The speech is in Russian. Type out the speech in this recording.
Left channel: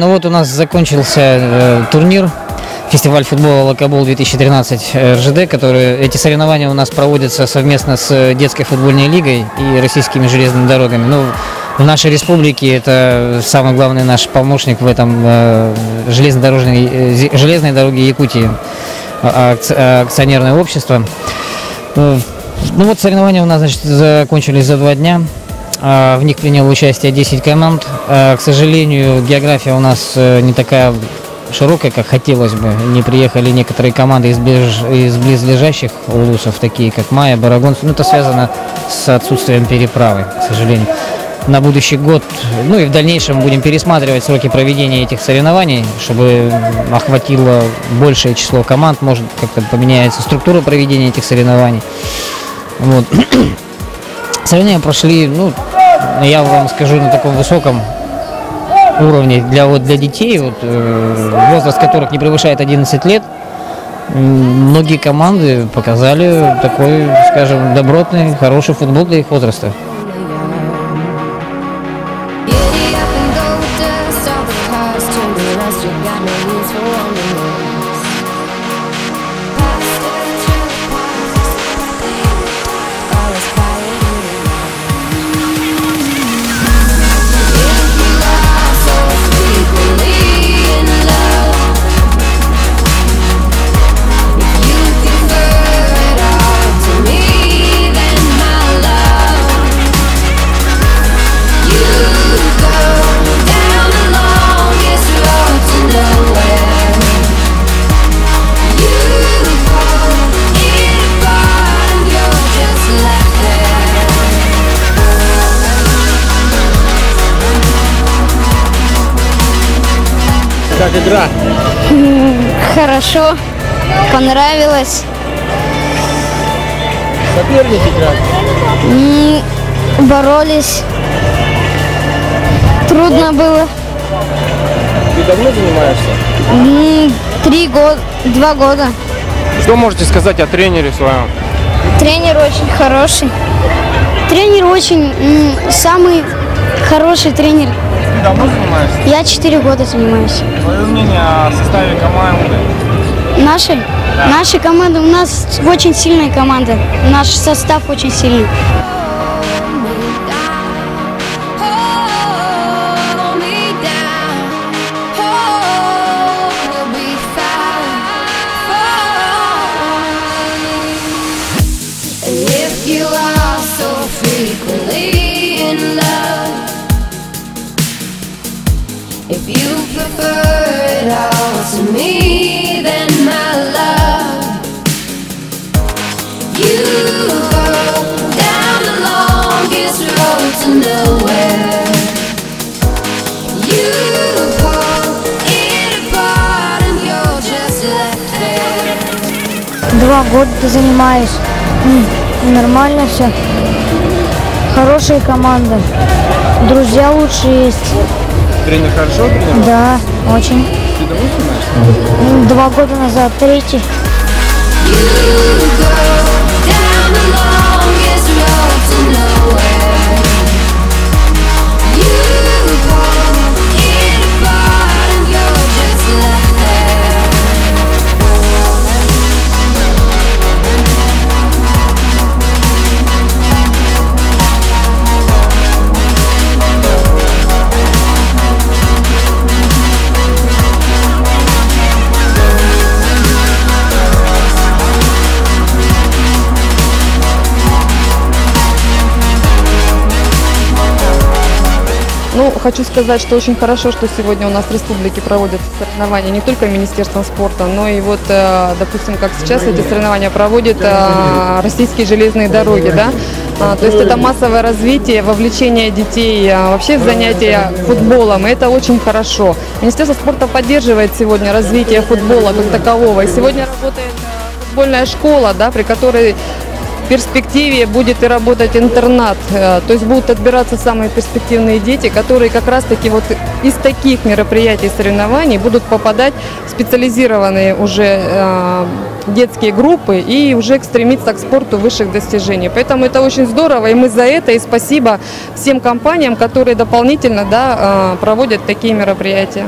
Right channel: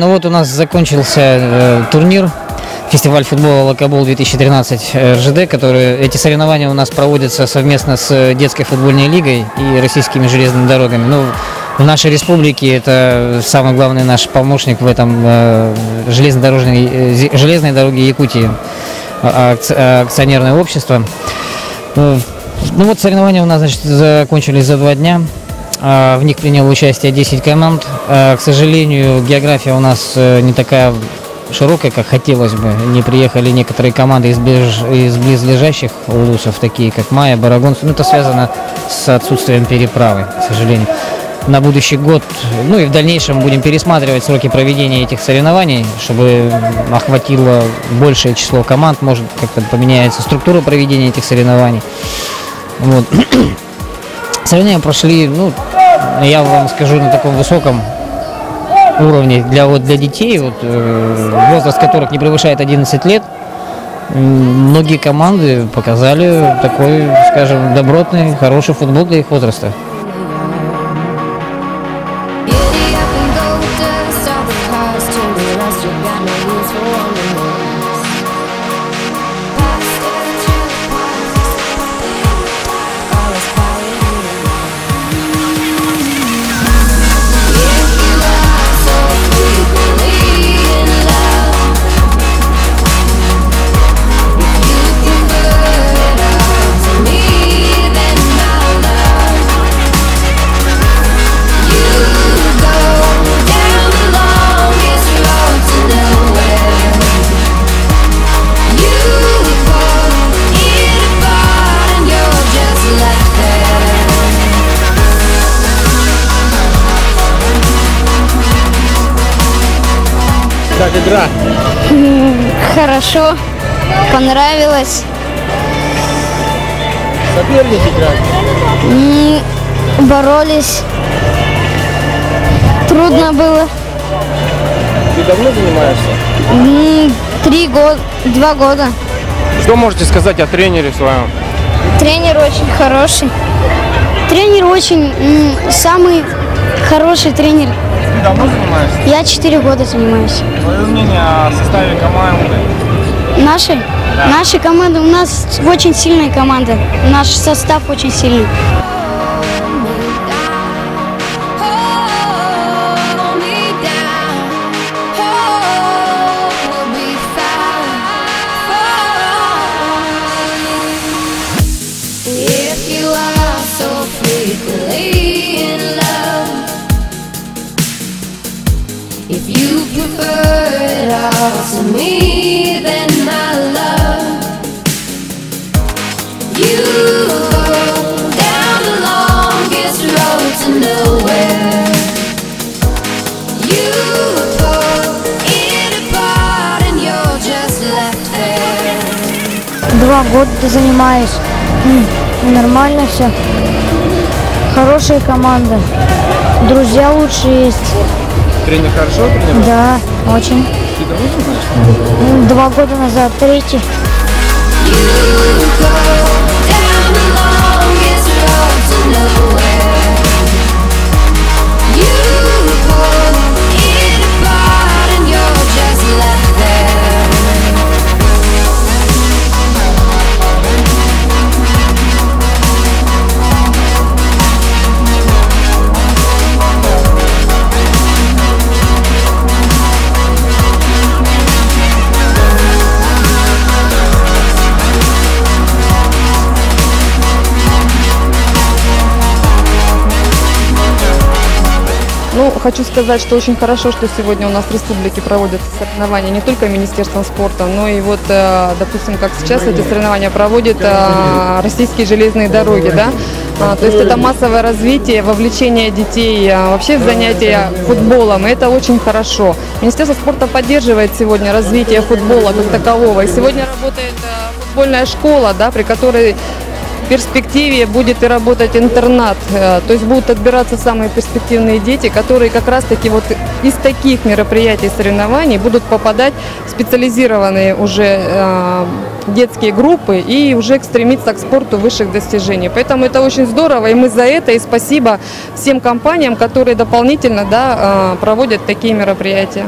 Ну вот у нас закончился турнир, фестиваль футбола «Локобол 2013 РЖД», эти соревнования у нас проводятся совместно с детской футбольной лигой и российскими железными дорогами. Ну, в нашей республике это самый главный наш помощник в этом железной дороге Якутии, акционерное общество. Ну вот соревнования у нас, значит, закончились за 2 дня. В них приняло участие 10 команд. К сожалению, география у нас не такая широкая, как хотелось бы. Не приехали некоторые команды из близлежащих улусов, такие как Майя, Барагон. Ну, это связано с отсутствием переправы, к сожалению. На будущий год, ну и в дальнейшем будем пересматривать сроки проведения этих соревнований, чтобы охватило большее число команд, может как-то поменяется структура проведения этих соревнований. Вот. Соревнования прошли, ну, я вам скажу, на таком высоком уровне для детей, возраст которых не превышает 11 лет. Многие команды показали такой, скажем, добротный, хороший футбол для их возраста. Как игра? Хорошо, понравилось. Соперники играли? Боролись. Трудно было. Ты давно занимаешься? 2 года. Что можете сказать о тренере своем? Тренер очень хороший. Тренер очень самый хороший тренер. Ты давно занимаешься? Я 4 года занимаюсь. Твое мнение о составе команды? Нашей? Да. Наша команда, у нас очень сильная команда. Наш состав очень сильный. If you prefer it all to me, then my love, you go down the longest road to nowhere. You pull it apart and you're just left there. 2 года занимаюсь. Нормально все. Хорошая команда. Друзья лучшие есть. Тренер хорошо тренировал? Да, очень. Ты давно занимаешься? 2 года назад, 3-й. Ну, хочу сказать, что очень хорошо, что сегодня у нас в республике проводят соревнования не только Министерством спорта, но и вот, допустим, как сейчас эти соревнования проводят российские железные дороги, да. То есть это массовое развитие, вовлечение детей вообще в занятия футболом, и это очень хорошо. Министерство спорта поддерживает сегодня развитие футбола как такового. И сегодня работает футбольная школа, да, при которой в перспективе будет и работать интернат. То есть будут отбираться самые перспективные дети, которые как раз-таки вот из таких мероприятий, соревнований будут попадать в специализированные уже детские группы и уже стремиться к спорту высших достижений. Поэтому это очень здорово, и мы за это, и спасибо всем компаниям, которые дополнительно проводят такие мероприятия.